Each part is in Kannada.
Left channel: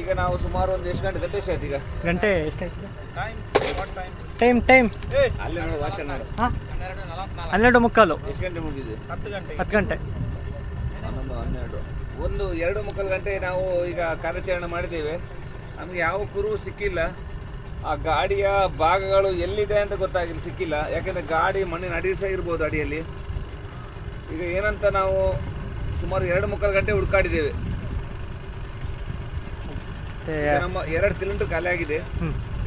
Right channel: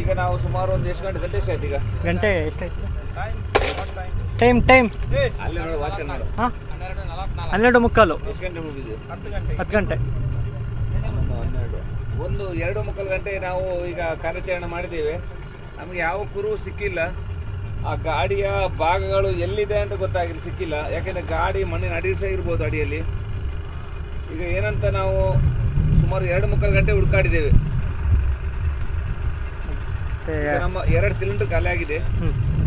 ಈಗ ನಾವು ಸುಮಾರು ಒಂದು ಎಷ್ಟು ಗಂಟೆ ಆಯ್ತು ಈಗ ಗಂಟೆ ಎಷ್ಟಾಯ್ತು ಟೈಮ್ ಟೈಮ್ ಅಲ್ಲೇ ನೋಡು ವಾಚಲ್ಲಿ ನೋಡು ಹಾಂ 12:15 ಎಷ್ಟು ಗಂಟೆ ಮುಗಿದಿದೆ 10 ಗಂಟೆ 11 2:15 ಗಂಟೆ ನಾವು ಈಗ ಕಾರ್ಯಾಚರಣೆ ಮಾಡಿದ್ದೇವೆ. ನಮಗೆ ಯಾವ ಕುರು ಸಿಕ್ಕಿಲ್ಲ. ಆ ಗಾಡಿಯ ಭಾಗಗಳು ಎಲ್ಲಿದೆ ಅಂತ ಗೊತ್ತಾಗಿಲ್ಲ, ಸಿಕ್ಕಿಲ್ಲ. ಯಾಕೆಂದರೆ ಗಾಡಿ ಮಣ್ಣಿನ ಅಡಿ ಸಹ ಇರ್ಬೋದು ಅಡಿಯಲ್ಲಿ. ಈಗ ಏನಂತ ನಾವು ಸುಮಾರು 2:15 ಗಂಟೆ ಹುಡುಕಾಡಿದ್ದೇವೆ. ನಮ್ಮ 2 ಸಿಲಿಂಡರ್ ಖಾಲಿ ಆಗಿದೆ.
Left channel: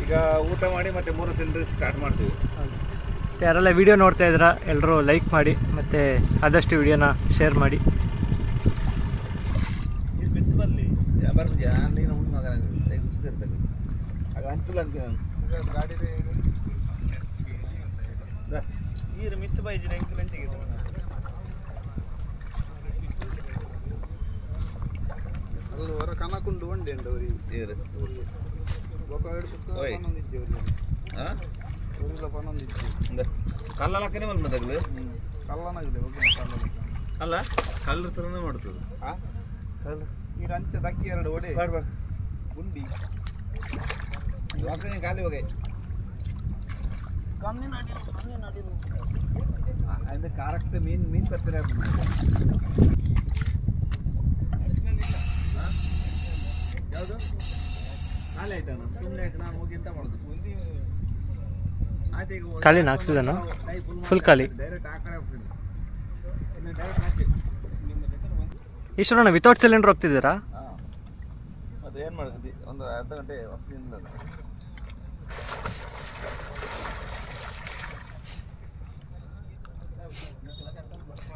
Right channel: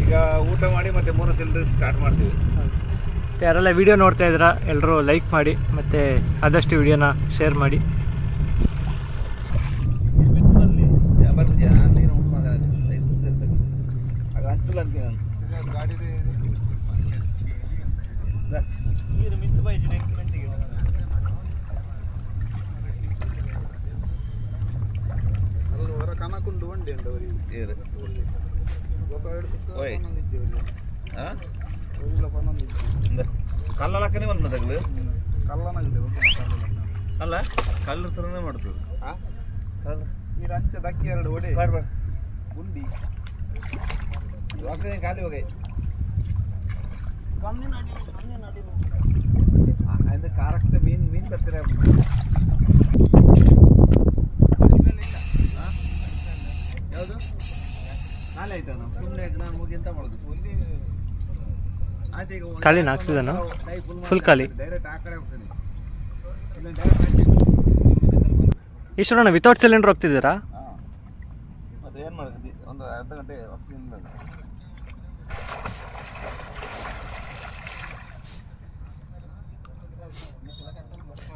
ಈಗ ಊಟ ಮಾಡಿ ಮತ್ತೆ 3 ಸಿಲಿಂಡರ್ ಸ್ಟಾರ್ಟ್ ಮಾಡ್ತೀವಿ. ಯಾರೆಲ್ಲ ವಿಡಿಯೋ ನೋಡ್ತಾ ಇದ್ದೀರಾ ಎಲ್ಲರೂ ಲೈಕ್ ಮಾಡಿ ಮತ್ತು ಆದಷ್ಟು ವಿಡಿಯೋನ ಶೇರ್ ಮಾಡಿ. ಕಲ್ಲಕ್ಕನೇ ಮಲ್ಮ ತಗಲು ಅಲ್ಲ ಕಲ್ಲು ಥರನೇ ಮಾಡ್ತದೆ. ನೀರು ಅಂಚ ದಕ್ಕಿ 2 ಒಡೆ ಗುಂಡಿ ವಾಸನೆ ಖಾಲಿ ಹೋಗಿ ಅಂದ್ರೆ ಕಾರಕ್ಕೆ ಮೀನು ಬರ್ತಾರೆ. ಯಾವುದು ಖಾಲಿ ಆಯ್ತಾ? ಸುಮ್ಮನೆ ನಾವು ಹೋಗಿ ಎಂತ ಮಾಡೋದು? ಖಾಲಿನ ಆಕ್ಸಿಜನ್ ಫುಲ್ ಖಾಲಿ. ಡೈರೆಕ್ಟ್ ಆ ಕಡೆ ಹೋಗ್ತಾನೆ. ಇಷ್ಟೊಂದು ವಿತೌಟ್ ಸಿಲಿಂಡರ್ ಹೋಗ್ತಿದ್ದೀರಾ? ಮತ್ತೆ ಏನು ಮಾಡ್ತೀವಿ, ಒಂದು ಅರ್ಧ ಗಂಟೆ ಆಕ್ಸಿಜನ್ ಇಲ್ಲ.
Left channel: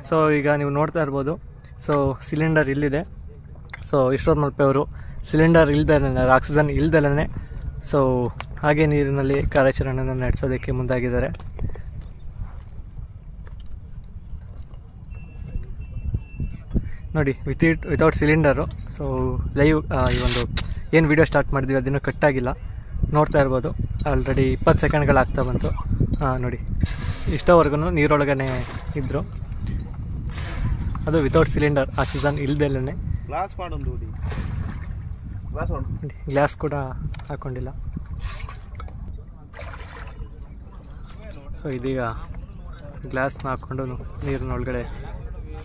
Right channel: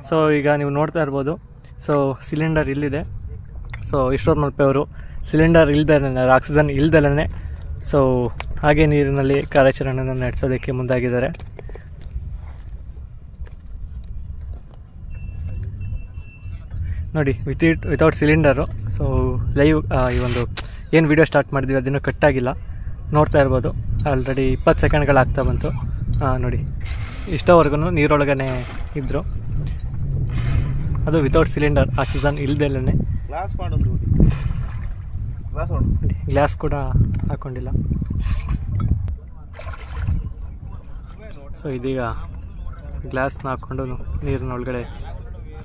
ಸೊ ಈಗ ನೀವು ನೋಡ್ತಾ ಇರ್ಬೋದು. ಸೊ ಸಿಲಿಂಡರ್ ಇಲ್ಲಿದೆ. ಸೊ ಈಶ್ವರ್ ಮಲ್ಪೆ ಅವರು ಸಿಲಿಂಡರ್ ಇಲ್ದಲೇ ಆಕ್ಸಿಜನ್ ಇಲ್ದಲೇ ಸೊ ಹಾಗೆ ನೀರಿನಲ್ಲಿ ಕಾರ್ಯಾಚರಣೆಯನ್ನು ನಡೆಸೋದಕ್ಕೆ ಮುಂದಾಗಿದ್ದಾರೆ. ನೋಡಿ ವಿತೌಟ್ ಸಿಲಿಂಡರು. ಸೊ ಲೈವ್ ಈ ಒಂದು ಏನು ವಿಡಿಯೋ ಸ್ಟಾರ್ಟ್ ಮಾಡಿದ್ವಿ ಅದನ್ನು ಕಟ್ಟಾಗಿಲ್ಲ, ನೋಡ್ತಾ ಇರ್ಬೋದು. ಆಲ್ರೆಡಿ 20 ಸೆಕೆಂಡ್ಗಳಾಗ್ತಾ ಬಂತು. ನೋಡಿ ಇಷ್ಟೋವರೆಗೂ ನೀರೊಳಗನೆ ಇದ್ದರು. ಅದು ವಿತೌಟ್ ಸಿಲಿಂಡರ್ ಆಕ್ಸಿಜನ್ ಇಲ್ದಲೇ. ಗ್ಲಾಸ್ ಕೂಡ ಹಾಕ್ಕೊಂಡಿಲ್ಲ. ಸೊ ಇದೀಗ ಗ್ಲಾಸ್ನ ಹಾಕ್ಕೊಂಡು ನೀರಿನೊಳಗಡೆ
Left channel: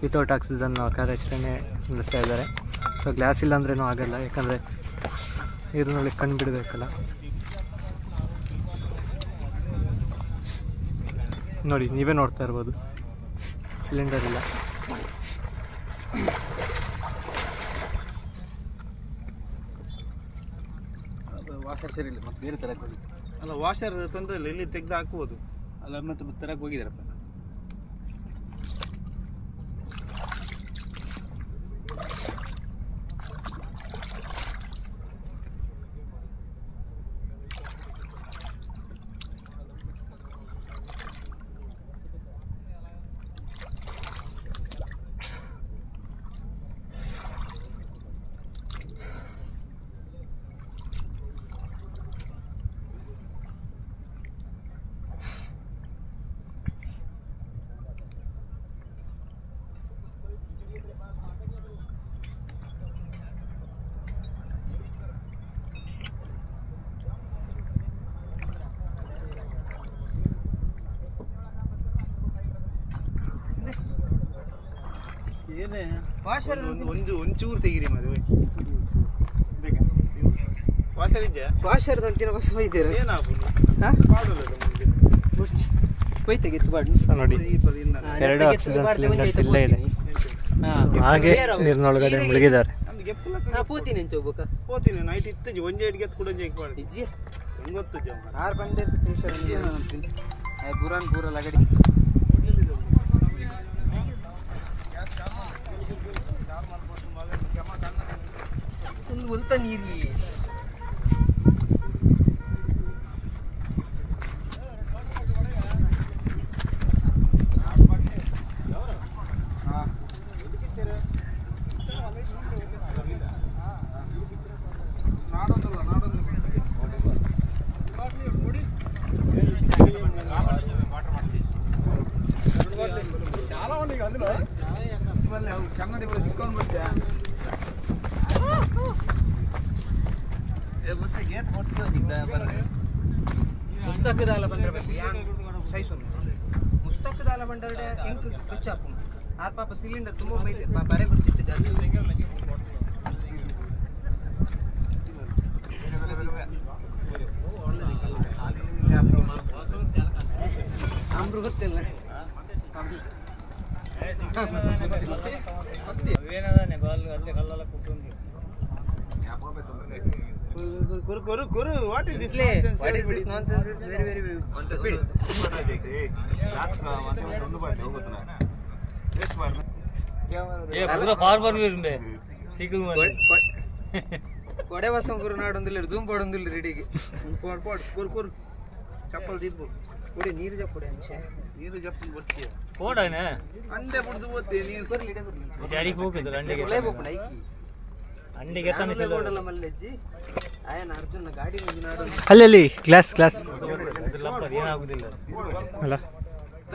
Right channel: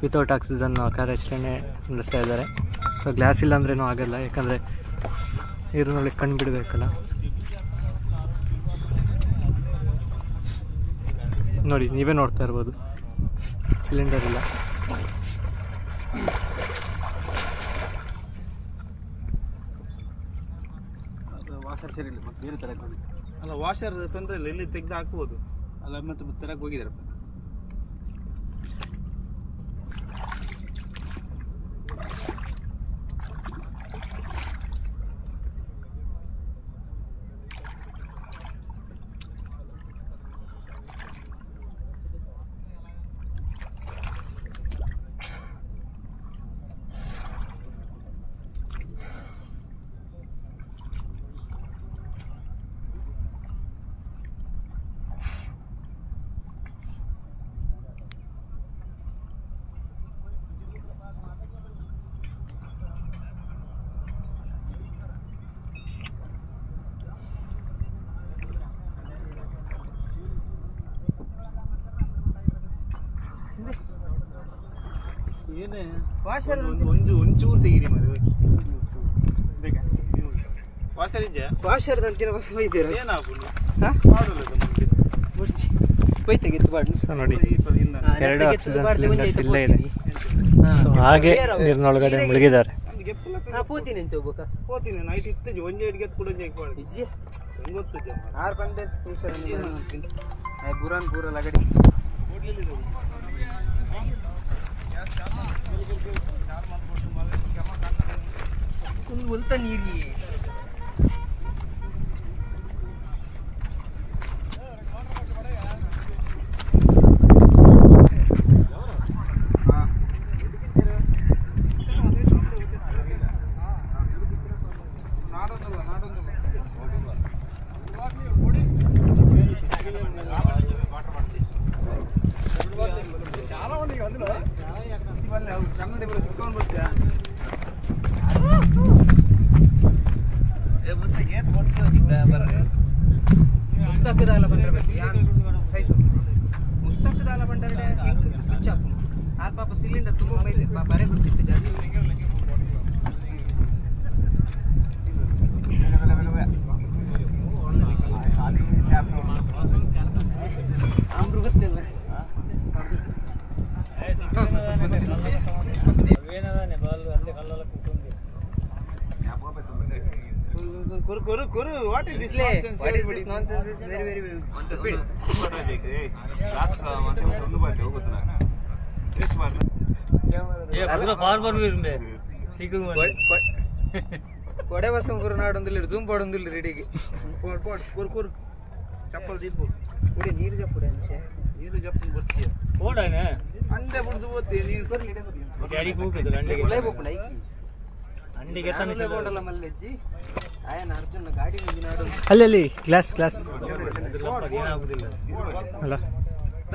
ವಿತೌಟ್ ಆಕ್ಸಿಜನ್ ಕಾರ್ಯಾಚರಣೆ ನಡೆಸ್ತಾ ಇದ್ದಾರೆ. ಸೊ ಗ್ಲಾಸ್ ಇಲ್ಲ ಅಂದ್ರೇನೂ ಆಗಲ್ಲ, ಯಾಕಂದರೆ ನೀರಿನೊಳಗೆ ಕಣ್ಣು ಬಿಡಬೇಕಲ್ಲ. ನೋಡಿ ನೀವೇ ನೋಡ್ತಾ ಇರ್ಬೋದು, ಸಿಲಿಂಡರ್ ಇಲ್ಲ. ವಾಷರ್ ಸರಿ ಇಲ್ಲ, ಮತ್ತೆ ಬೇರೆ ತರಕ್ಕೆ ಹೋಗಿ ಅಲ್ಲ. ವಾಷರ್ ತೊಂದರೆ ಇಲ್ಲ, ಇಲ್ಲಿ ತೆಗೆದು ಹಾಕ್ಬೋದು ಅಲ್ಲ. ಮತ್ತೆ ತರಕ್ಕೆ ಹೋಗಿದ್ದಾರಪ್ಪ. ಏನೇ ವಾಷರ್ ಒಂಚೂರು ತೆಗೀರಿ ಮರಿ. ವಾಷರ್ ಇದ್ಯಾ? ವಾಷರ್ ಅಂತಿನ ಹೊಸ ಒಯ್ದಿರ ಹೋಯ್ ತೆಗಿತ್ತು ಬಾಡಿ. ನೋಡಿ 2 ಆಕ್ಸಿಜನ್ ಸಿಲಿಂಡರ್ಸ್ ಇಲ್ಲೇ ಇದೆ. ಹಾಗೆ ನೀರಿನೊಳಗಡೆ ಮುಳುಗಿದ್ದಾರೆ. పోతీనే చౌబక పోతీనే నైట్ ఇత్తే జోంజే ఎడిగే కూడా చేయపాడు ఇజ్జి ఇంగొత్తు జం 6 ಬಂಡೆ ನಿಮಿಷ ಐ ಬುರಾನ್ ಪೂರ ಲಗಡಿ ಒಂದು ಉಲ್ತ ನೀರಿ ಗೇತ್ ಕೊಡ್ತೀವಿ ಬರ್ರಿ पुस्तकदाल बंडर यान सही सुन पुस्तकदाल बंडर इंक कच्चा आर पाಪ ಸಿಲಿಂಡರ್ ತುಂಬಾ ಬೈದೆ ಬರೆ ಗೊತ್ತಿತ್ತು ಗಾಡಿ ಆಮ್ರು ಗೊತ್ತಿಲ್ಲ ಏನದಾನೆ ಬಾಲ್ ಅಲ್ಲೇ ಕಲ್ಲಲ್ಲ ಕೂತ್ಕೊಂಡು Kuru, what is this nonsense? What is this nonsense is very stupid. ಕೊಡೆ ಬಸಂ ಗುರು ನಾಡೊಂದಿಲ್ಲ ಜೂಮ್ ಪಡೊಂದಿಲ್ಲ ರೆಡಿಗೆ ಕುರು ಚಪ್ಪಲ್ ತಿದ್ದು ಕೊಡಿ ನೀರು ಜಪ್ಪುಡೆ ಅಂಶೆ ನೀರು ಜಪ್ಪು ಬರ್ತೀಯ ಕೋಡನೆ ಅಂಡೆ ಬಿಡ್ದು ಹೋಗ್ತೀಯ ನೀರು ಕೊಡಿ ಇಡೆ ಬರ್ಲಿ ಜಾಡಿ ಹೋಗ್ತದೆ ಅಂಡೆಗೆ ಒಳ್ಳೆ ಬೋಪುನ ಐಕಿ ಅಂಡೆಗೆ ತಾನೆ ಬೋಡಲ್ಲ ಮಲ್ಲೆಜ್ಜಿ ಆಯನ ಅರ್ಜುನ ಗಾಡಿ ನಿಂದು ನಾಡು ಅಲ್ಲಿ ಗ್ಲಾಸ್ ಏನಾಗುದಿಲ್ಲ ಅಲ್ಲ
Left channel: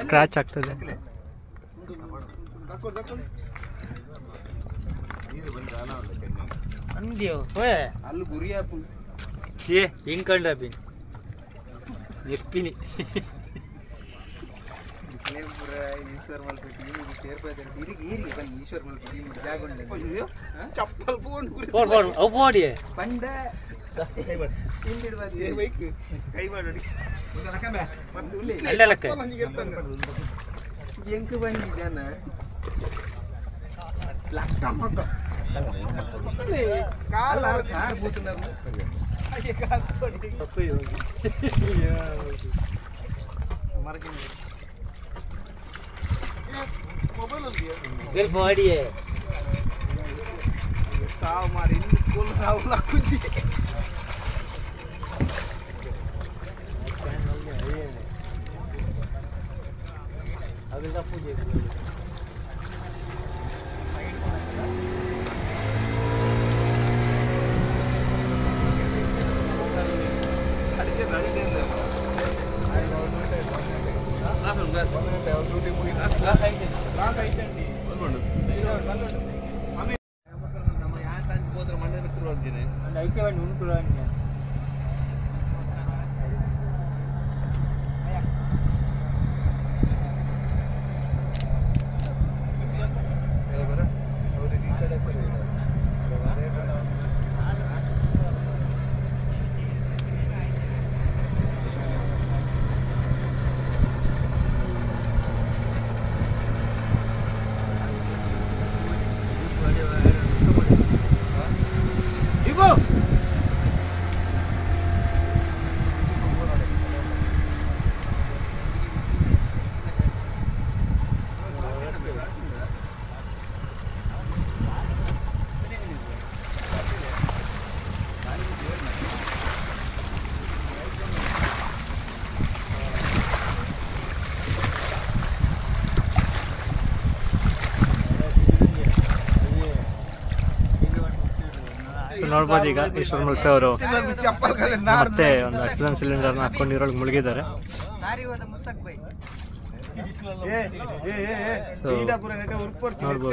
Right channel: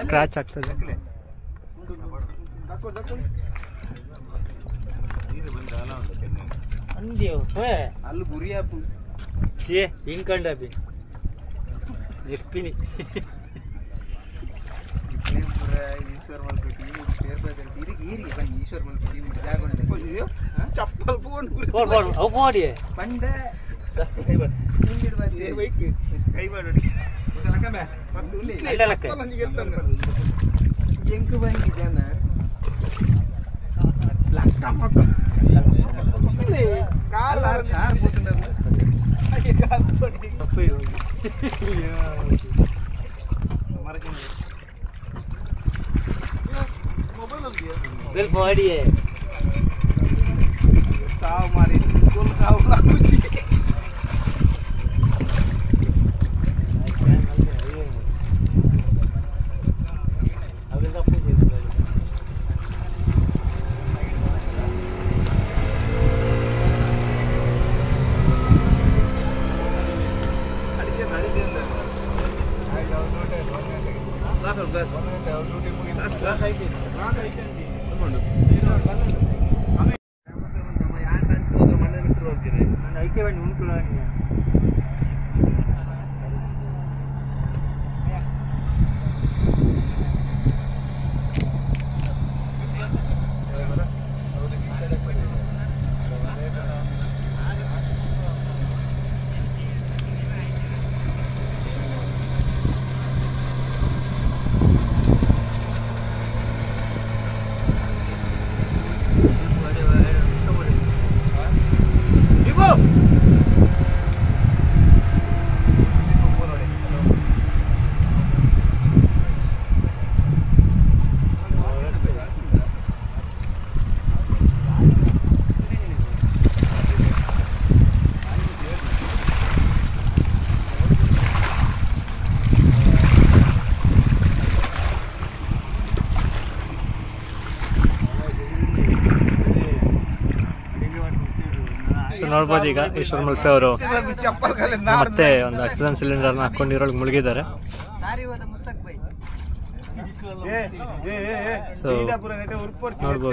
ಸ್ಕ್ರಾಚ್ ಆಗ್ತದೆ ನೀರು ಬಂದ ಅಲ್ಲ ಉಂಟು ಚೆನ್ನೈ ಅಂದ್ಯೋ ಹೋಯ್ ಅಲ್ಲಿ ಗುರಿ ಆಪು ಛೇ ಹಿಂಗ್ ಕಂಡಬಿ ಎಪ್ಪಿನಿ ಈಶ್ವರ್ ಮಲ್ಪತಿ ಸೇರ್ಬೇಕು ಈರಿಗೆ ಬನ್ನಿ ಈಶ್ವರ್ ಮಲ್ಪತಿ ಜಾಗೊಂಡೆ ಅಯ್ಯೋ ಚಪ್ಪಲ್ ಫೋನ್ ಹೋಗಿ ಪಂಡ ಕೈ ಬಾಡ ಕೈ ಬಾಡಿ ಲಕ್ಕಂಬೆ ಮತ್ತು ಇಲ್ಲಿ ಚಪ್ಪಲ್ ಹಂಗೆ ಎತ್ತಂಗ ಎಂಕು ಬಂದಿ ಜನ ಲಕ್ಕ ಮಕ್ಕ ಕಾಲ ಕಾರ್ ಬೂತನಲ್ಲ ಹಾಗೆ ಕಾಲ್ ಕೊಡಿ ಮರಕ್ಕೆ ಮೊಬೈಲ್ ಅಲ್ಲಿ ಬೆಲ್ ಬಾಡಿಯೇ ಸಾವು ಮಾಡಿ ಫುಲ್ ಸಾವು ಹಾಕುತ್ತಿ ನೋಡ್ಬೋದು ಈಗ ಈಶ್ವರ್ ಮುಲ್ಪೆ ಅವರು ಮತ್ತೆ ಒಂದು ಆಕ್ಸಿಜನ್ ಸಿಲಿಂಡರ್ನ ಹಾಕೊಂಡು ನೀರೊಳಗೆ ಮುಳುಗಿದ್ದಾರೆ. ಸೊ ನೋಡ್ಬೋದು